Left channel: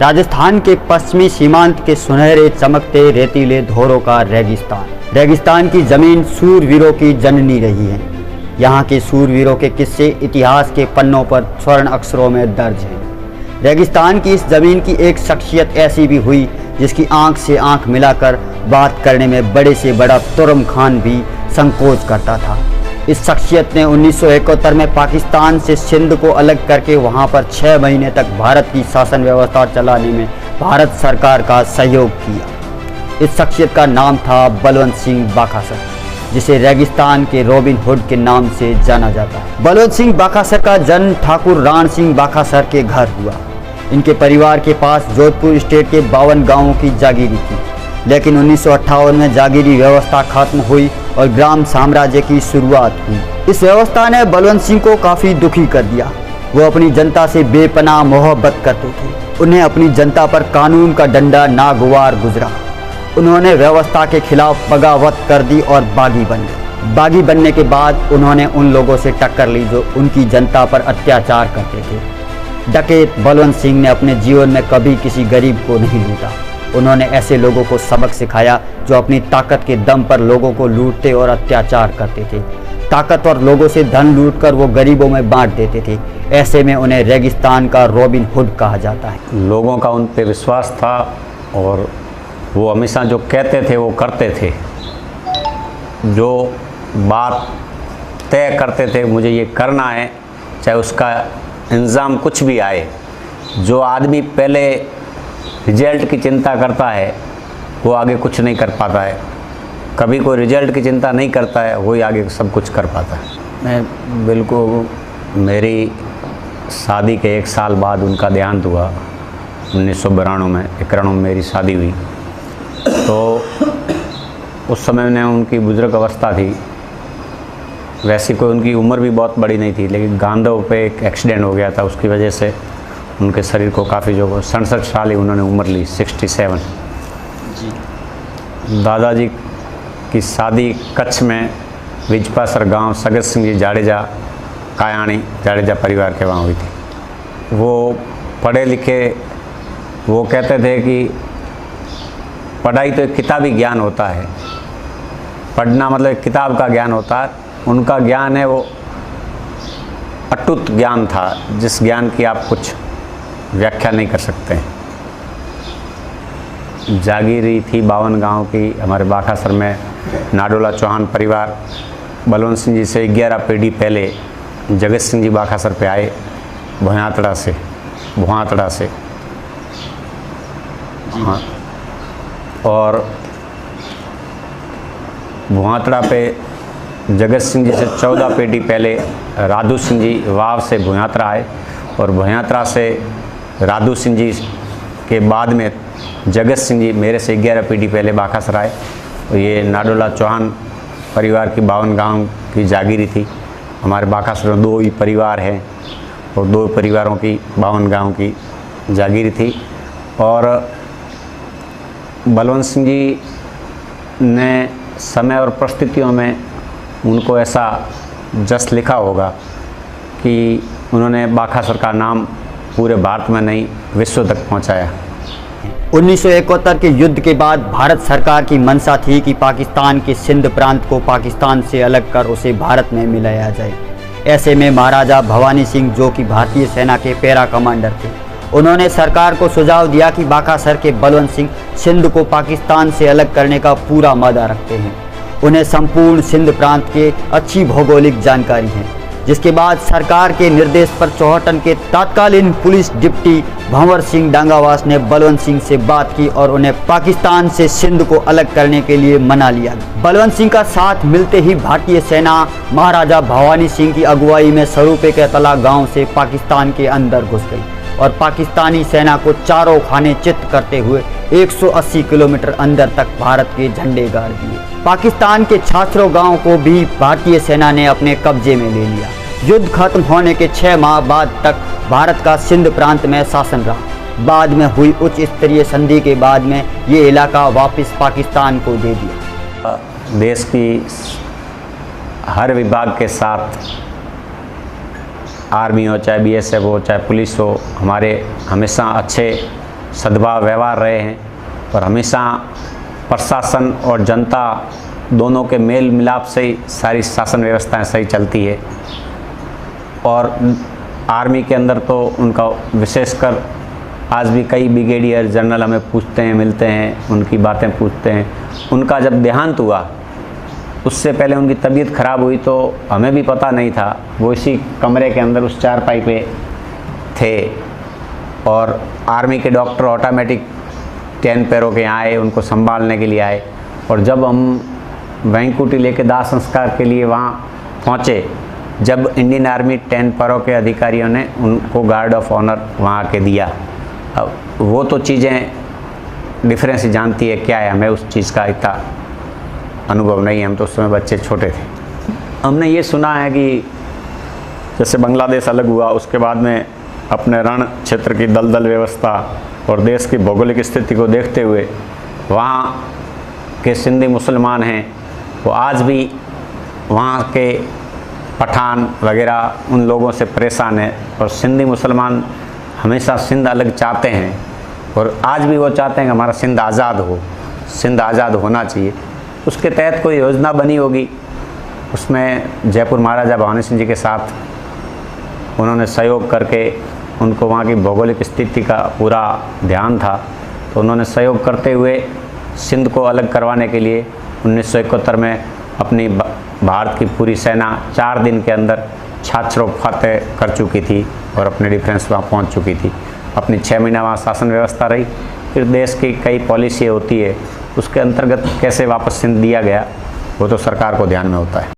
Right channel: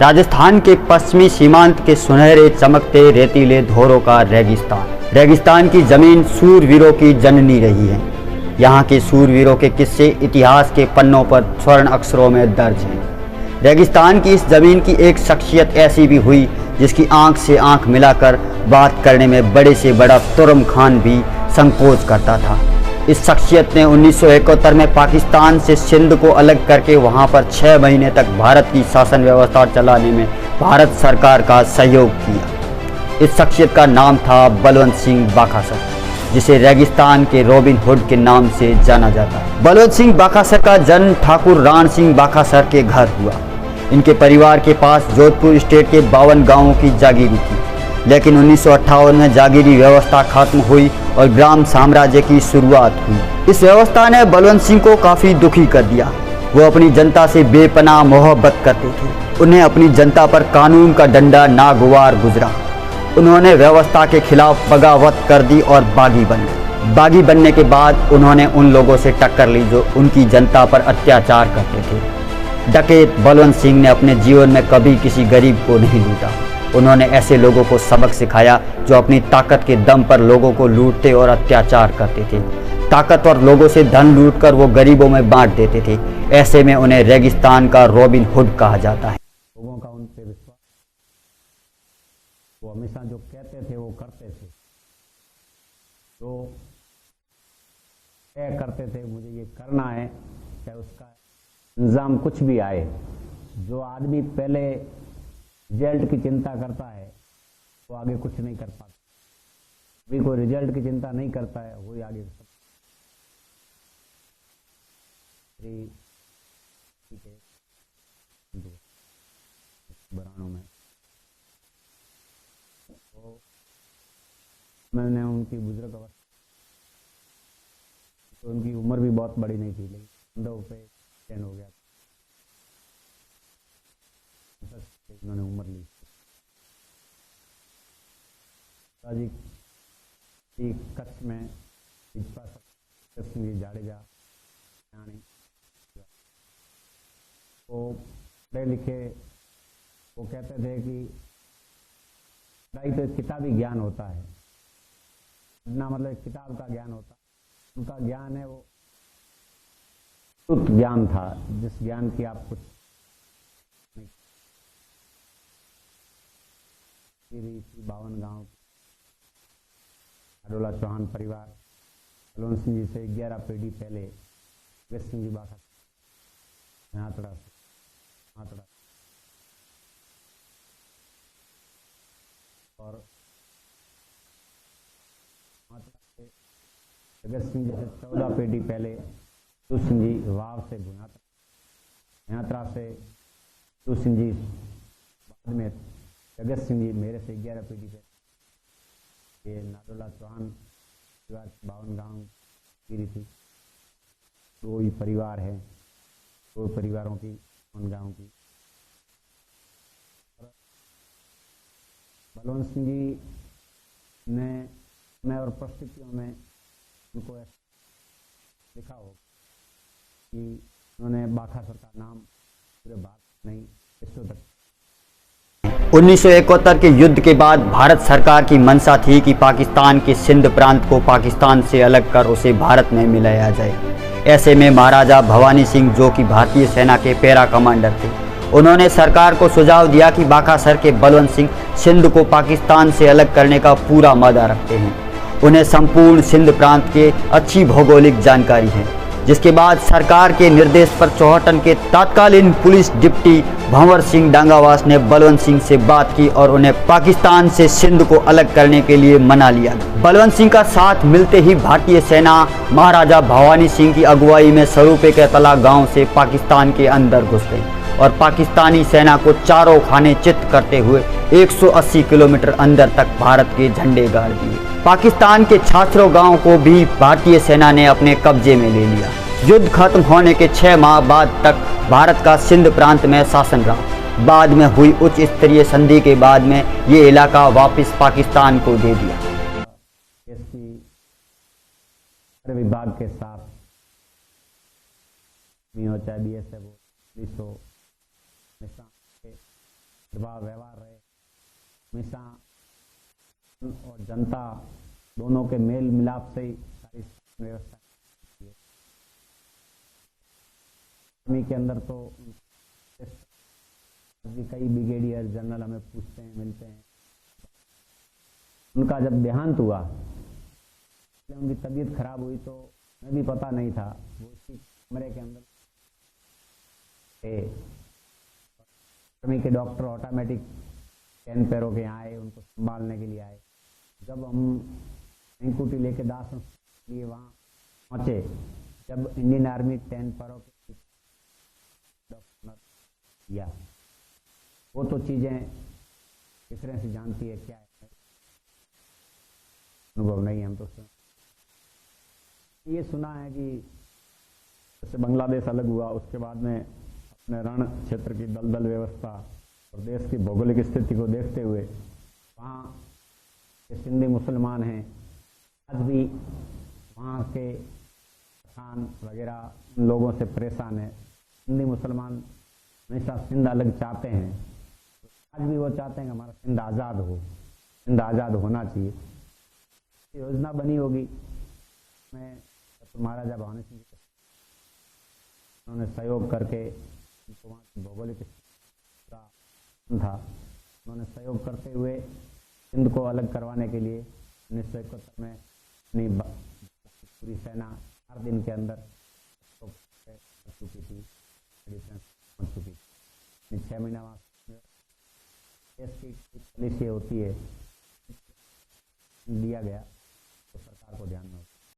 राजस्थान के पश्चिमी सीमांत के सुनहरे चमकते रेतीले धोरों का रेगिस्तान। रेगिस्तान की जमीन सूरवीरों की जननी रही है। यहाँ के सूरवीरों के किस्से इतिहास के पन्नों पर स्वर्ण अक्षरों में दर्ज हैं। रेगिस्तान की इस जमीन की एक शख्सियत ऐसी भी हुई जिसकी आंख से आंख मिलाकर बात करने में बड़े से बड़ा तुर्म खान भी संकोच करता था। इस शख्सियत ने 1971 में पाकिस्तान से सिंध को अलग करके वहां पर 6 महीने तक भारत की शासन व्यवस्था चलाने में भारत सरकार का सहयोग किया। इस शख्सियत का नाम था बलवंत सिंह बाखासर, जिसे रेगिस्तान के रॉबिन हुड के नाम से जाना जाता है। बलवंत सिंह बाखासर का जन्म ठाकुर राण सिंह बाखासर के घर हुआ। इनके परिवार के पास जोधपुर स्टेट के 52 गांवों की जागीरी थी, लेकिन 1958 में जागीरी व्यवस्था खत्म हुई और ग्राम साम्राज्य की शुरुआत हुई। इस व्यवस्था ने बलवंत सिंह को काफ़ी दुखी कर दिया। वो अपनी जनता से बेपनाह मोहब्बत करते थे। उन्हें अपनी जनता पर कानून का डंडा नागवार गुजरा। उन्होंने व्यवस्था के खिलाफ बगावत कर दी और बागी बन गए। बागी बनने के बाद उन्होंने उन लोगों से टक्कर ली जो उनकी जनता पर अत्याचार करते थे। डकैत बलवंत सिंह ने अपने जीवन में कभी किसी गरीब को नहीं लूटा। उन्होंने ऐसे लोगों को सबक सिखाया जो अपनी ताकत के दम पर लोगों को लूटते और अत्याचार करते थे। ताकतवर लोगों से धन लूटकर वो गरीबों में बांट देते थे। ऐसे में उन्हें रेगिस्तान का रॉबिन हुड कहा जाता है। लोगों का उन पर विश्वास था और वो हमेशा जो कहते थे वो करते थे। जो बात तय करते थे मुझे ये करना है, चाहे उसका इंतज़ाम कुछ भी आए। जो आदमी पहले रिजल्ट की चिंता करता है वो आगे कुछ नहीं कर पाता है। कभी कोई रिजल्ट की चिंता नहीं करता है वही आगे सब कुछ कर पाता है। मैं बिल्कुल, मेरी शादी के 1 साल बाद उनका देहांत हुआ। 1992 में 91 में मेरी शादी हुई। तो उस समय में उनकी बुजुर्ग अवस्था थी। वैसे कोई उनकी उम्र भी बहुत बड़ी नहीं थी, लेकिन गांधव पे एक एक्सीडेंट हो गया था। उसकी वजह से उनके शरीर को काफ़ी जो 67 साल ही उन्होंने उम्र ली, 67 जी। दादाजी की शादी कच्छ में विजपासर गांव सगत सिंह जी जाडेजा कायाणी जाडेजा परिवार के वहाँ हुई थी। वो पढ़े लिखे, वो कहते थे कि पढ़ाई तो एक किताबी ज्ञान होता है। पढ़ना मतलब एक किताब का ज्ञान होता है। उनका ज्ञान है वो अटूट ज्ञान था, जिस ज्ञान की आप कुछ व्याख्या नहीं कर सकते हैं। जागीरी थी 52 गांव की हमारे बाखासर में। नाडोला चौहान परिवार बलवंत सिंह जी से 11 पीढ़ी पहले जगत सिंह जी बाखासर पे आए, भुआतड़ा से। हाँ, और भुआतड़ा पे जगत सिंह जी से 14 पीढ़ी पहले राधू सिंह जी वाव से भुआतड़ा आए, और भुआतड़ा से राधू सिंह जी के बाद में जगत सिंह जी मेरे से 11 पीढ़ी पहले बाखासर आए। और ये नाडोला चौहान परिवार की 52 गांव की जागीरी थी। हमारे बाखासर में 2 ही परिवार हैं और 2 परिवारों की 52 गांव की जागीरी थी। और बलवंत सिंह जी ने समय और परिस्थितियों में उनको ऐसा जस लिखा होगा कि उन्होंने बाखासर का नाम पूरे भारत में नहीं विश्व तक पहुंचाया। 1971 के युद्ध के बाद भारत सरकार की मंशा थी कि पाकिस्तान के सिंध प्रांत को पाकिस्तान से अलग कर उसे भारत में मिलाया जाए। ऐसे में महाराजा भवानी सिंह, जो कि भारतीय सेना के पैरा कमांडर थे, उन्होंने सरकार को सुझाव दिया कि बाखासर के बलवंत सिंह सिंध को पाकिस्तान से अलग करने का पूरा मादा रखते हैं। उन्हें संपूर्ण सिंध प्रांत के अच्छी भौगोलिक जानकारी है। जिसके बाद सरकार के निर्देश पर चौहटन के तत्कालीन पुलिस डिप्टी भंवर सिंह डांगावास ने बलवंत सिंह से बात की और उन्हें पाकिस्तान से सिंध को अलग करने के लिए मना लिया। बलवंत सिंह का साथ मिलते ही भारतीय सेना महाराजा भवानी सिंह की अगुवाई में सरूपे के तला गांव से पाकिस्तान के अंदर घुस गई और पाकिस्तानी सेना को चारों खाने चित्त करते हुए 180 किलोमीटर अंदर तक भारत के झंडे गाड़ दिए। पाकिस्तान के छाछरो गांव को भी भारतीय सेना ने अपने कब्जे में ले लिया। युद्ध खत्म होने के 6 माह बाद तक भारत का सिंध प्रांत में शासन रहा। बाद में हुई उच्च स्तरीय संधि के बाद में ये इलाका वापस पाकिस्तान को दे दिया। देश की हर विभाग के साथ, आर्मी हो चाहे BSF हो चाहे पुलिस हो, हमारे हमेशा अच्छे सद्भाव व्यवहार रहे हैं और हमेशा प्रशासन और जनता दोनों के मेल मिलाप से ही सारी शासन व्यवस्थाएं सही चलती है। और आर्मी के अंदर तो उनका विशेषकर आज भी कई ब्रिगेडियर जनरल हमें पूछते हैं, मिलते हैं, उनकी बातें पूछते हैं। उनका जब देहांत हुआ उससे पहले उनकी तबीयत ख़राब हुई तो हमें भी पता नहीं था। वो इसी कमरे के अंदर उस चारपाई पे थे और आर्मी के डॉक्टर ऑटोमेटिक 10 पैरों के यहाँ आए, उनको संभालने के लिए आए। और जब हम वैंकुटी लेके दाह संस्कार के लिए वहाँ पहुँचे, जब इंडियन आर्मी 10 पैरों के अधिकारियों ने उनको गार्ड ऑफ ऑनर वहाँ आके दिया। अब वो तो चीज़ें डिफरेंस जानती है क्या है, हमें उस चीज़ का इतना अनुभव नहीं है, हम तो उस समय बच्चे छोटे थे। हमने ये सुना है कि जैसे बांग्लादेश अलग हुआ उसके बाद में अपने रण क्षेत्र की दलदल व्यवस्था और देश की भौगोलिक स्थिति को देखते हुए वहाँ के सिंधी मुसलमान हैं वो आज भी वहाँ के पठान वगैरह उन लोगों से परेशान है। और सिंधी मुसलमान हमेशा सिंध अलग चाहते हैं और आज भी वो चाहते हैं कि हमारा सिंध आज़ाद हो, सिंध आज़ाद होना चाहिए। उसके तहत कोई योजना बनी होगी, उसमें जयपुर महाराजा भवानी सिंह जी के साथ उन्होंने सहयोग करके, उनको वहाँ की भौगोलिक स्थिति का पूरा ध्यान था तो उन्होंने सहयोग करते हुए सिंध को अलग करवाने के लिए 1971 में अपनी भारत की पूरी सेना 4 दिन के अंदर छाछरौ फतेह कर चुकी थी और अपने डिफेंस वहाँ पहुँच चुकी थी। अपनी 6 महीना वहाँ शासन व्यवस्था रही। फिर देश की कई पॉलिसी होती है, उसके अंतर्गत कैसे वापस सिंध दिया गया वो तो सरकार को ध्यान में होता है।